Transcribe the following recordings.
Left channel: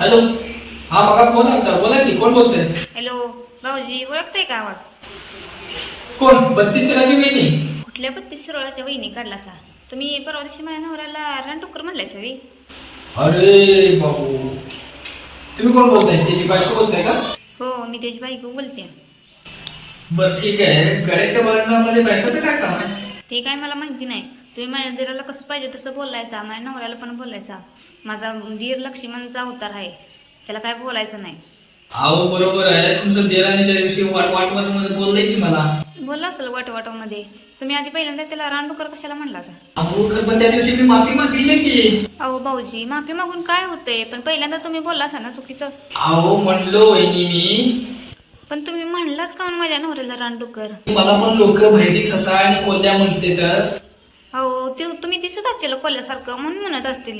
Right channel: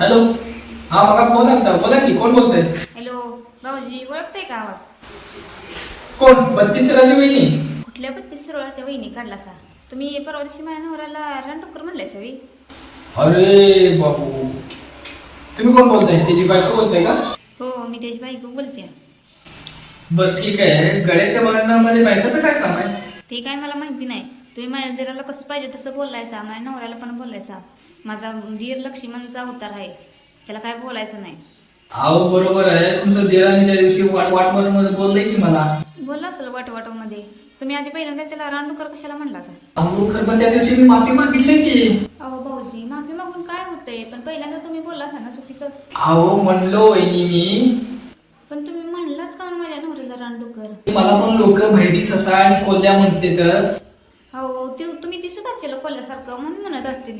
Hello. हा बघा phone आलता बोला की कोण बोलतंय? हॅलो भाऊजी ओळखताय का आवाज? कोण? बत्तीस राजी वहिनी. कुठल्या बत्तीस शिरोळाच्या वहिनी काढला सा तुम्ही परवा दिवशी माझ्या नवऱ्याला रानटुकर म्हणलाय सवी. अरे बाबू तुम्ही कोण बोलताय? त्याची बायको बोलताय का? हो मी त्याची बायको बोलते. बर ठीक आहे. गड्याच्या भांडणामध्ये बायकोचं काय काम आहे? ते काय मला माहिती नाही. तुम्ही माझ्या दिराला कसं पाहिजे तसं बोलायचा माझ्या नवऱ्याला पण बोलायचा. माझा दीर लक्ष्मणचा उतार आहे. त्याला काय बोलायचं नाही. अहो बरोबर आहे. तुमचं देराने त्या दिवशी वाट वाटमध्ये बोललंय की मला? बोलला असेल वाटवाटमध्ये तुम्ही आधी पहिल्यांदा त्याला रानडुकर कशाला म्हणला सा अहो खरं पण त्या दिवशी मी माफी मागितली की. अहो भाऊजी माफी मागून काय होतंय? पण पहिल्यांदा तुम्ही बोलला असा ना चुकीचं? अहो म्हणलो वहिनी मी. पण तुम्ही म्हणलाच का माझ्या नवऱ्याला रानडुकर मला पण लोक भैरी ससा आणि कोल्ह्या म्हणते तर. अहो ते तुम्ही दिसत असतील कोल्ह्यासारखं म्हणून म्हणत असतील.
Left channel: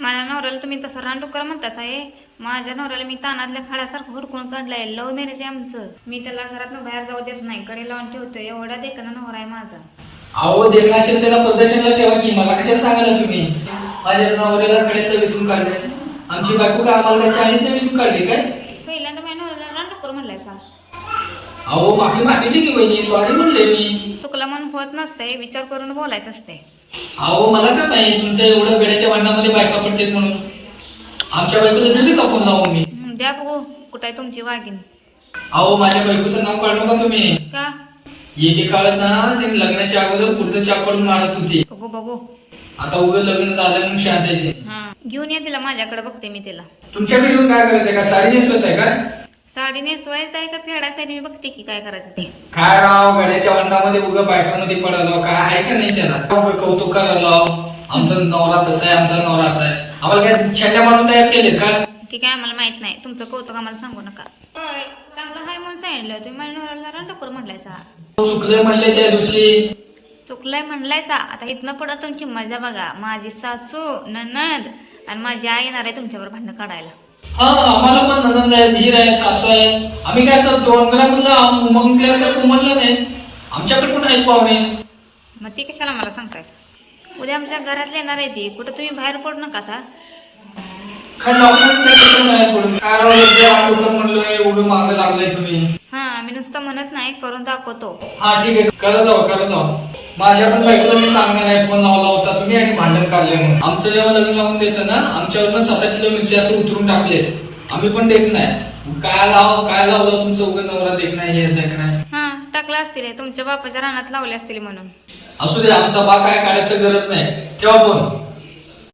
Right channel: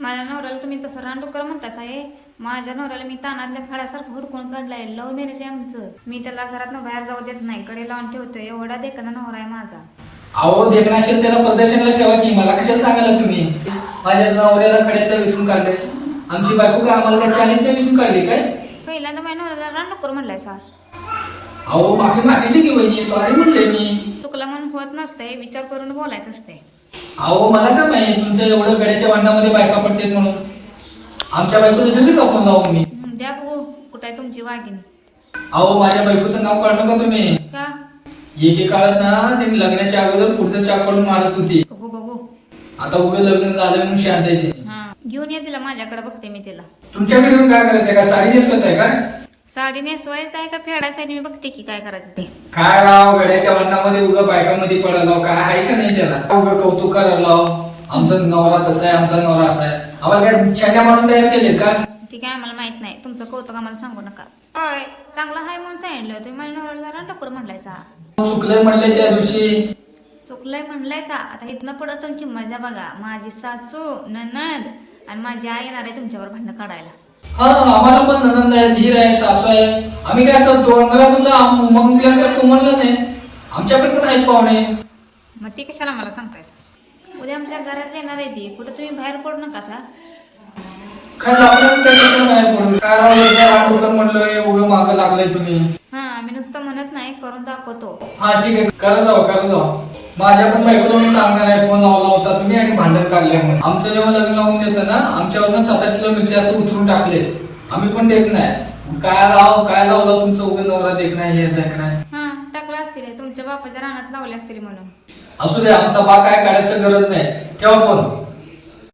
माझ्या नवऱ्याला तुम्ही तसं रानडुकर म्हणतास आहे माझ्या नवऱ्याला मी तानातल्या खाड्यासारखं हुडकून काढलाय. लव मॅरेज आहे आमचं. मी त्याला घरातनं बाहेर जाऊ देत नाही. कडे लावून ठेवतो एवढा देखणा नवरा आहे माझा. अहो देखणं असेल त्याला प्रदर्शनला ठेवा की. मला कशाला सांगा ना तुम्ही? माझ्या नवऱ्याला खड्यातलं वेचून काढले. आमची बायको काय आम्हाला काय चाळीतलं वेचून काढली काय? पहिल्यांदा माझ्या नवऱ्याला रानडुकर म्हणलाय सा अहो माफी मागितली की वहिनी? सॉरी म्हणले मी. चुकलं म्हणून होत नसतंय विचार करून बोलायचं असते अहो मला काय माहिती तुमच्या एवढं गड्याच्या भांडणामध्ये बायका पडतात म्हणून. आमच्या बायकोला देऊ का फोन लावून मी? द्या बघू कुठं आहे तुमची वाघीन अहो माझ्या बायकोचं नाव काढलं का तुम्ही? का? एके काळात ना ते लग्नाच्या अगोदर पुढचं चाप काढून मारत होती. बघू बघू. आता उगं लग्न झालं म्हणून शांत आहे ते. हा. घेऊन या तिला माझ्याकडे बघते मी तिला. तुमच्याकडे येऊन काय करायचंय का? साडी नेसवायचं आहे का? साडी नेसवायचं आहे का फेडायचं आहे? मी बघते की काय करायचं ते. काय राव गड्याच्या वंडामध्ये उगं बायकामध्ये पडायला काय आहे का नाही त्याला? उगं कौतुक करायला. आमचा नवरा तसा आहे आमचा नवरा असा आहे. आम्हाला काय छंड्या मारून तयार केले का? ते काय आम्हाला माहीत नाही. तुमचं कौतुक आम्हाला सांगू नका. होय चांगलं हाय म्हणून सांगितलं. तुम्ही माझ्या नवऱ्याला रानटाकूर म्हणलायसा. चुकलं म्हणले त्या दिवशी. चुकलंय म्हणलायसा. आता इथनं पुढं तुमची मजा बघा. माझी सासू ननद आणि माझी आई येणार आहे तुमच्यावर भांडणं काढायला. हा आम्हाला पण ननंद आहे धीर आहे सासू आहे आम्ही काय असं डोंगरामधला उमंगल्यासारखं म्हणलं नाही. आमच्याकडे पण आहेत पाहुणे. मग ते कशाला मला सांगतायचं उद्या आमच्या घरातले येणार आहे ती. कुठं तुम्ही बाहेर पडू नका सा. काय बाहेर वाटोकर म्हणलं मागं लागलंय तुम्ही. हां आम्ही नुसतं म्हणत नाही करून दाखवतो. हा ठीक आहे. करा जावा करा जावा माझ्या पण बायकोला मी सांगणार आहे फोन लावला होता तुम्ही आणि भांडण काढले म्हणून. आमचं जेव्हा लग्न लावून देतं ना आमच्यावरनं सात आठ किलो मिरची असं उतरून टाकले आम्ही पण देत नाही. काय लाव काय लावलं तुमचं उगं नवरा देख नाही हे देख नाही. हां टाकलं असतील तुमच्या बापाच्या रानात लावले असतील म्हणून. असू दे आमचा बा काय काढायचं गरज नाही. ठेवा फोन.